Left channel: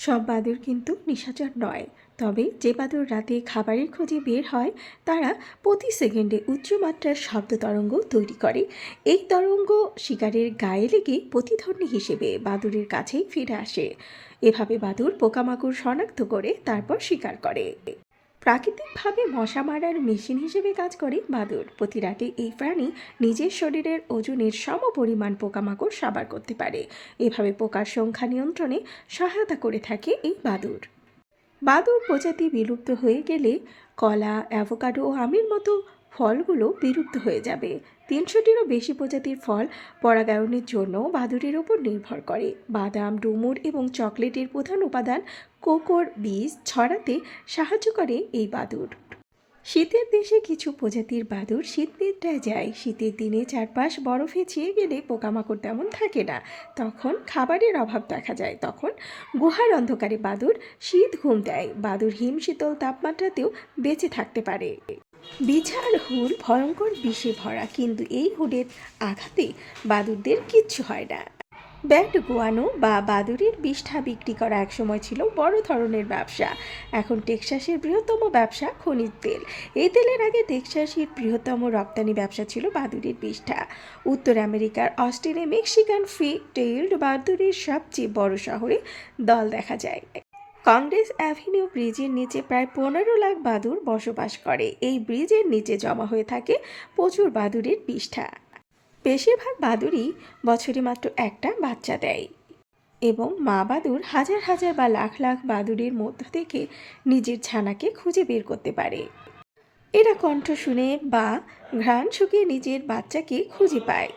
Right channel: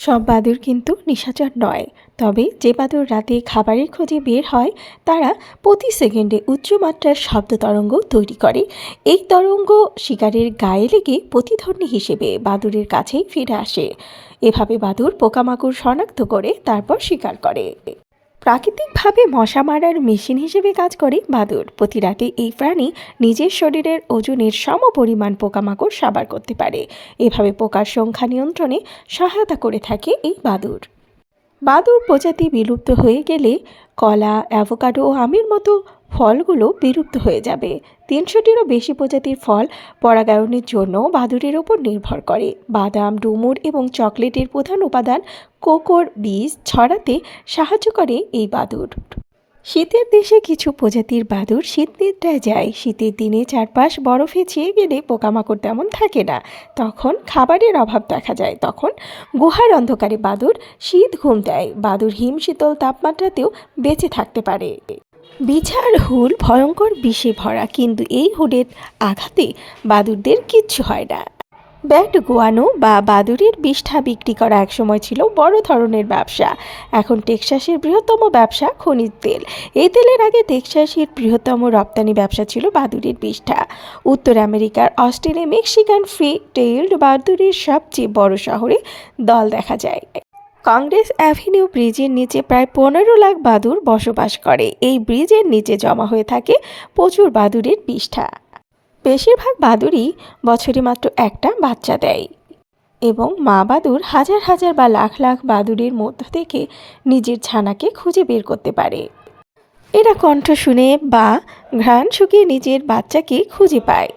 সব বাদুড় কিন্তু নিশাচর নয়। তবে যে বাদুড় রাতে খাবারের খোঁজে বের হয় তারা প্রতি সেকেন্ডে উচ্চমাত্রার শব্দ তরঙ্গ তৈরি করে। এই তরঙ্গ শিকারের গায়ে লেগে প্রতিধ্বনি হিসেবে বাদুড়ের কাছেই ফিরে আসে। এভাবে বাদুড় পোকামাকড় শনাক্ত করে তারপর শিকার করে। প্রাকৃতিকভাবে মশা মারার মেশিন হিসেবে কাজ করে বাদুড়। প্রতি রাতে এই প্রাণী নিজের শরীরের ওজনের সমপরিমাণ পোকামাকড় সাবার করতে পারে। এভাবে পোকার সংখ্যা নিয়ন্ত্রণে সহায়তা করে থাকে এই বাদুড়। বাদুড় প্রজাতি বিলুপ্ত হয়ে গেলে কলা, অ্যাভোকাডো ও আমের মতো ফলগুলো বিলুপ্ত হয়ে যাবে। 300টিরও বেশি প্রজাতির ফল পরাগায়নের জন্য বাদুড়ের ওপর নির্ভর করে। বাদাম, ডুমুর এবং চকলেটের প্রধান উপাদান কোকোর বীজ ছড়াতে সাহায্য করে এই বাদুড়। শীতের দেশে কিছু প্রজাতির বাদুড় শীত নিদ্রায় যায়। শীতের দিনে চারপাশ বরফে ছেয়ে গেলে পোকামাকড় তেমন থাকে না, তখন খাবারের অভাব দেখা যায়। তখন গুহার অন্ধকারে বাদুড় শীত ঘুম দেয়। বাদুড় হিম শীতল তাপমাত্রাতেও বেঁচে থাকতে পারে। বিছার হুল ভয়ঙ্কর বিষে ভরা, কিন্তু এই হুলের আঘাতে বাদুড়দের কিচ্ছু হয় না। ব্যাট গুয়ানো বা বাদুড়ের বিষ্ঠা বিক্রি করা একসময় ছিল বড় ধরনের ব্যবসা। এখন টেক্সাসের বৃহত্তম ব্যবসা খনিজ তেল। এই তেলের আগে টেক্সাসের বৃহত্তম রপ্তানি ব্যবসা ছিল বাদুড়ের বিষ্ঠা। উত্তর আমেরিকার অস্টিনে মেক্সিকান ফ্রি টেইলড বাদুড়ের সবচেয়ে বড় শহরে দল দেখা যায়। কংগ্রেস অ্যাভিনিউ ব্রিজের নিচে প্রায় 15 লাখ বাদুড় বসবাস করে। এই ব্রিজের নিচে জমা হয়ে থাকে প্রচুর বাদুড়ের বিষ্ঠা। বেশিরভাগ বাদুড়ই বছরে মাত্র একটা বাচ্চা দেয় এবং মা বাদুড় হাজার হাজার বা লাখ লাখ বাদুড়ের মধ্য থেকে নিজের ছানাকে খুঁজে বের করতে পারে। এরা কণ্ঠ শুনে বা ঘ্রাণ শুকিয়ে নিজের বাচ্চাকে খুঁজে পায়।